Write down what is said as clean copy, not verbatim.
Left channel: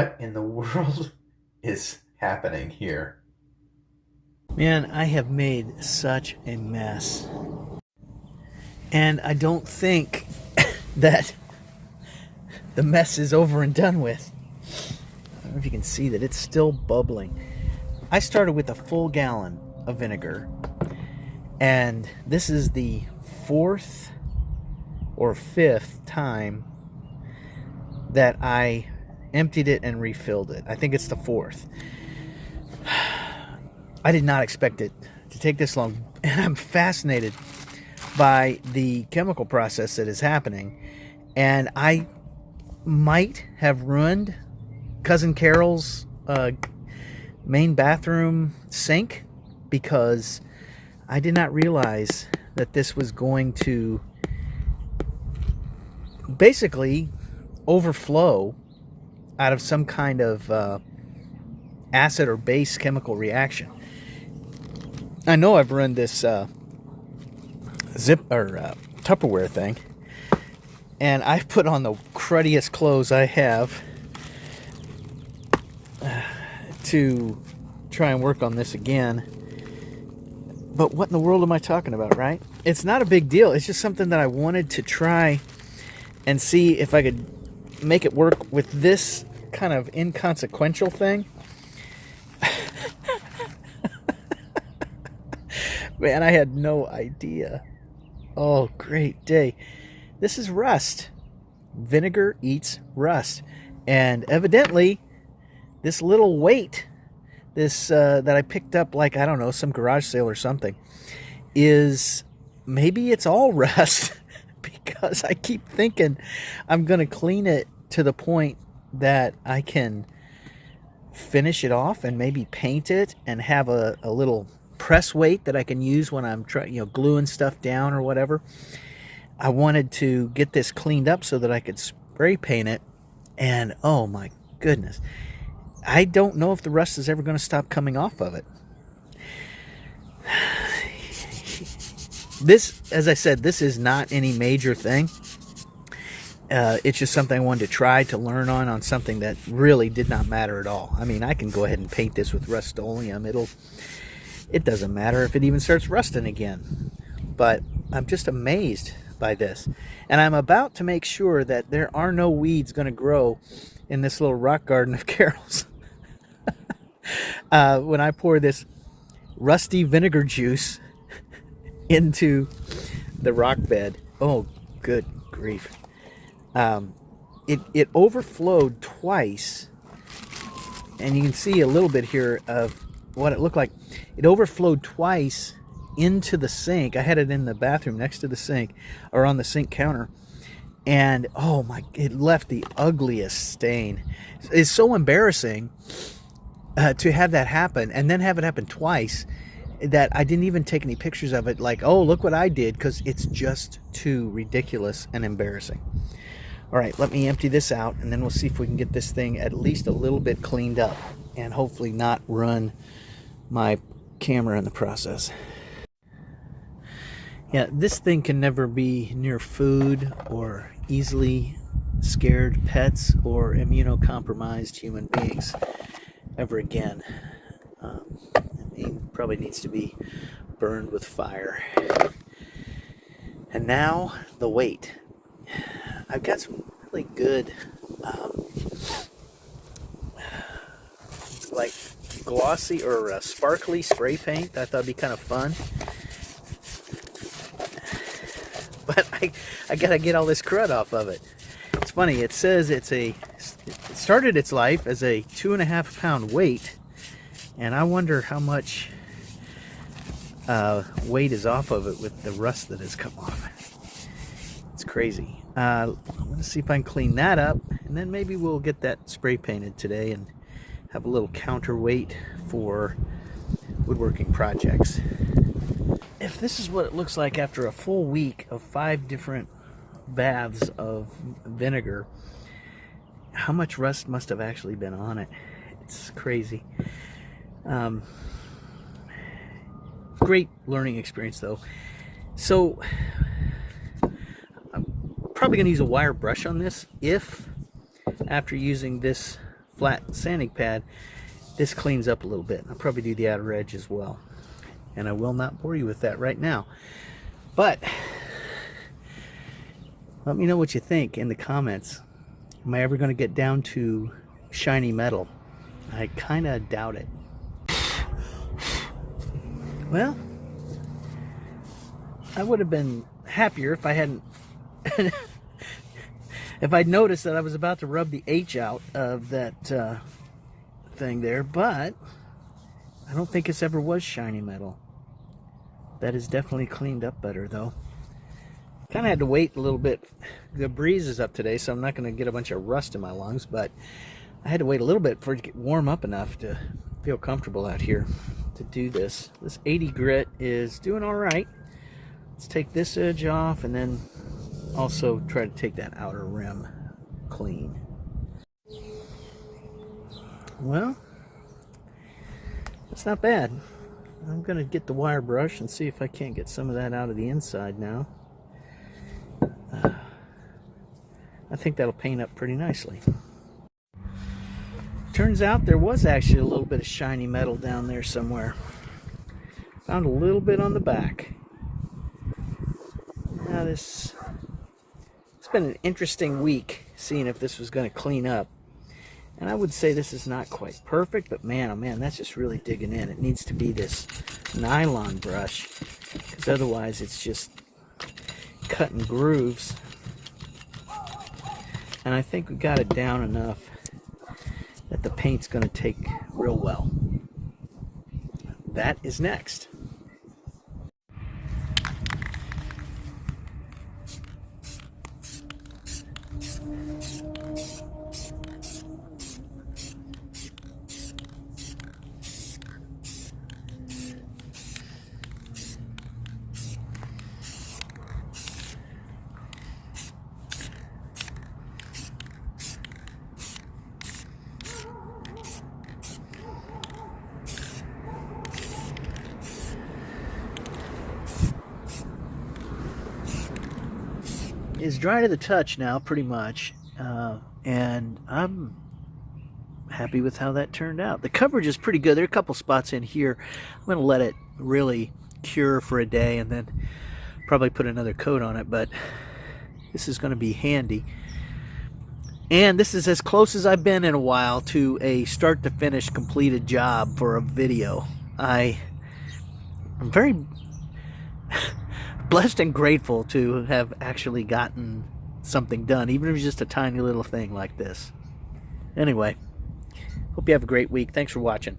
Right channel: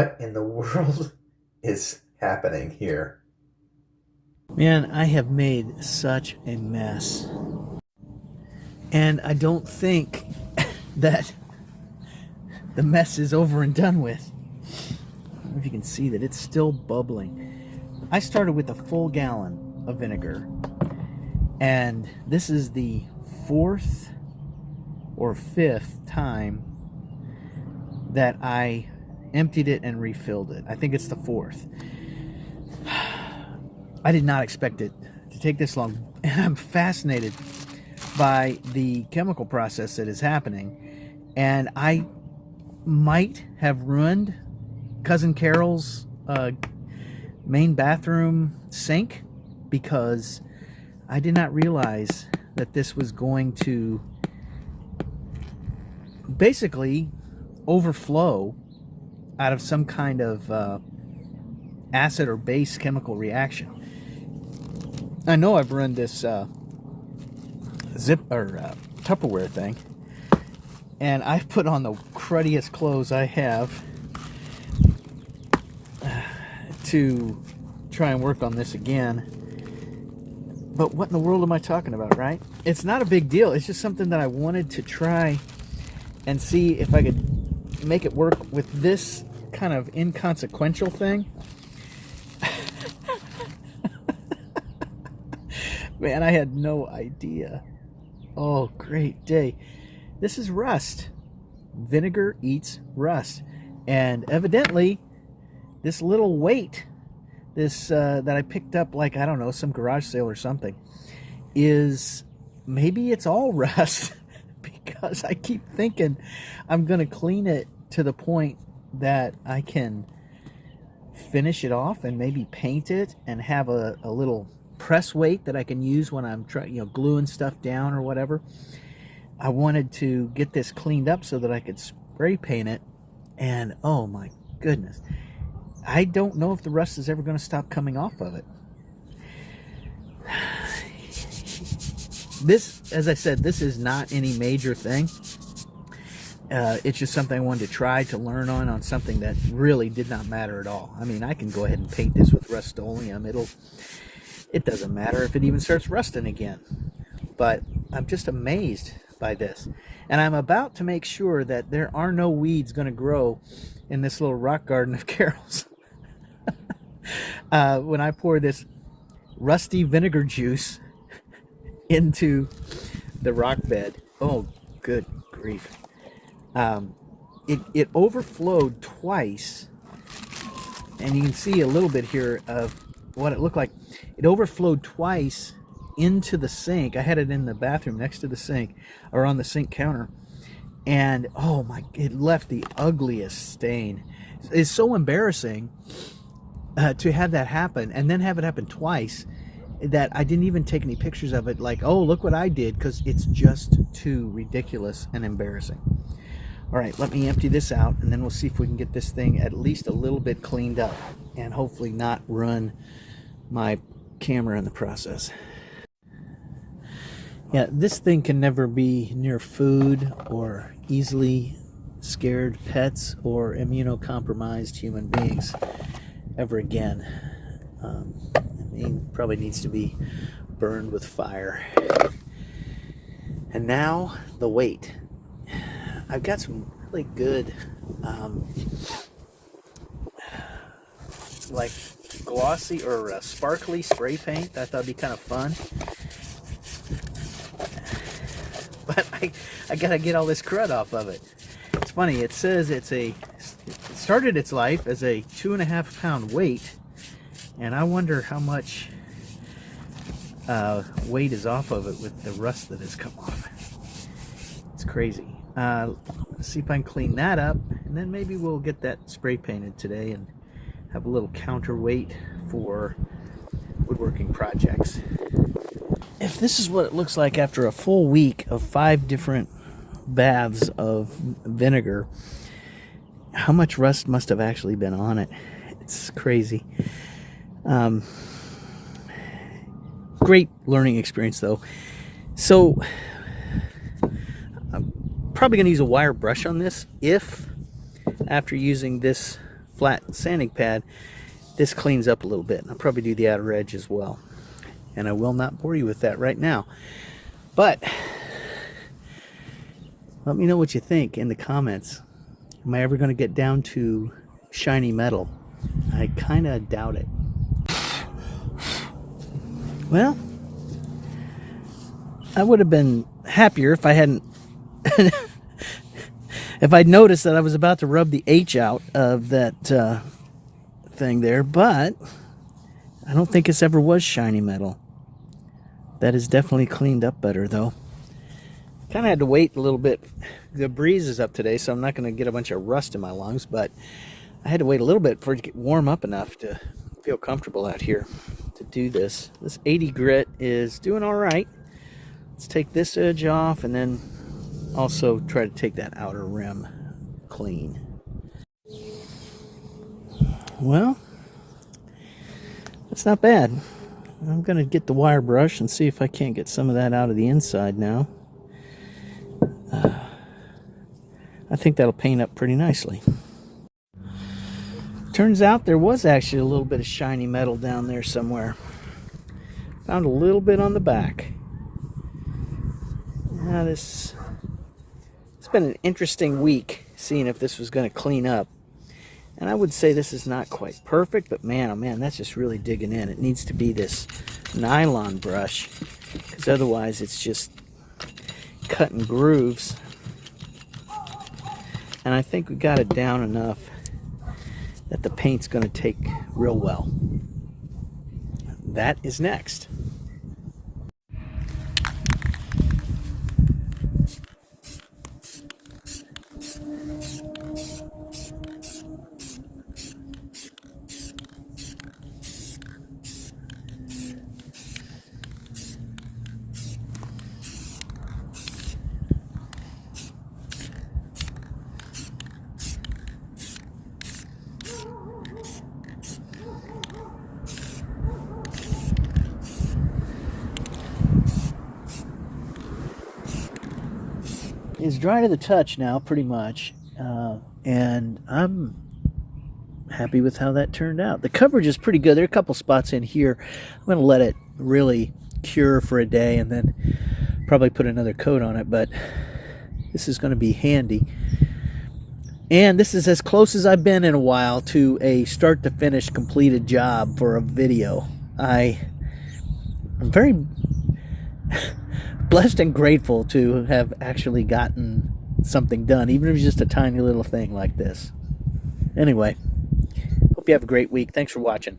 What in the world is happening here? Man, I have made such a mess. And I don't think that the mess is over and done with. I don't know if you can see that it's still bubbling. I started with a full gallon of vinegar, and this is the fourth or fifth time that I emptied it and refilled it. I think it's the fourth. I did not expect it to take this long, and I'm fascinated by the chemical process that is happening. And I might have ruined Cousin Carol's main bathroom sink because I did not realize that this was going to basically overflow out of some kind of acid or base chemical reaction. I know I've run this Tupperware thing, and I've put on the cruddiest clothes I have to try and work on this again. But what in the world am I talking about, right? It's not a big deal. It's just something that I wanted to try and see if I could make it work with this kind of inconsequential thing. Man, I had no idea. Oh, great day. This is rust. Vinegar eats rust. And evidently, this little weight, this that I picked up, like, I don't know, some garage sale or something, is maybe it's all rust. Because I keep thinking I'm going to clean it to the point that I can finish it off and maybe paint it and have a little press weight that I can use when I'm trying, gluing stuff down or whatever. I wanted to get this cleaned up so that I could spray paint it, and oh my goodness, I don't know if the rust is ever going to stop coming off of it. This, as I said, this is not any major thing. It's just something I wanted to try to learn on something that really did not matter at all. I mean, I can go ahead and paint this with Rust-Oleum. It doesn't matter if it even starts rusting again. But I'm just amazed by this. And I'm about to make sure that there are no weeds going to grow in this little rock garden of Carol's. When I pour this rusty vinegar juice into the rock bed. Oh, good grief. It overflowed twice. And you can see a little bit here of what it looked like. It overflowed twice into the sink. I had it in the bathroom next to the sink, or on the sink counter, and oh my, it left the ugliest stain. It's so embarrassing to have that happen, and then have it happen twice, that I didn't even take any pictures of it, like, oh, look what I did, because it's just too ridiculous and embarrassing. All right, let me empty this out, and then we'll see if we can get this thing at least a little bit cleaned up, and hopefully not run my camera in the process. Yeah, this thing can never be near food or easily scared pets or immunocompromised human beings ever again. It probably needs to be burned with fire. And now the weight. I've got some really good like glossy or sparkly spray paint. I thought it'd be kind of fun. But I gotta get all this crud off of it. It's funny, it says it started its life as a 2.5 pound weight, and I wonder how much weight is off of it with the rust that has come off. It's crazy. Let's see if I can clean that up, and then maybe we'll get that spray painted today and have a little counterweight for woodworking projects. If this is what it looks like after a full week of 5 different baths of vinegar, how much rust must have actually been on it? It's crazy. Great learning experience though. So I'm probably going to use a wire brush on this if, after using this flat sanding pad, this cleans up a little bit. I'll probably do the outer edge as well. And I will not bore you with that right now. But let me know what you think in the comments. Am I ever going to get down to shiny metal? I kind of doubt it. Well, I would have been happier if I hadn't if I'd noticed that I was about to rub the H out of that thing there, but I don't think this ever was shiny metal. That is definitely cleaned up better though. Kind of had to wait a little bit. The breeze is up today, so I'm not going to get a bunch of rust in my lungs, but I had to wait a little bit for it to get warm up enough to feel comfortable out here to do this. This 80 grit is doing all right. Let's take this edge off and then also try to take that outer rim clean. Well, that's not bad. I'm going to get the wire brush and see if I can't get some of that out of the inside now. I think that'll paint up pretty nicely. Turns out there was actually a little bit of shiny metal down there somewhere. Found a little bit on the back. Now it's been an interesting week seeing if this was going to clean up. And I would say this is not quite perfect, but man, oh man, that's just really digging in. It needs to be this nylon brush, because otherwise it's just cutting grooves. And I think we got it down enough that the paint's going to take real well. That is next. Is dry to the touch now, pretty much, and I'm happy with how that turned out. The coverage is pretty good. There are a couple spots in here. I'm going to let it really cure for a day and then probably put another coat on it, but this is going to be handy. And this is as close as I've been in a while to a start to finish completed job for a video. I'm very blessed and grateful to have actually gotten something done, even if it's just a tiny little thing like this. Anyway, hope you have a great week. Thanks for watching.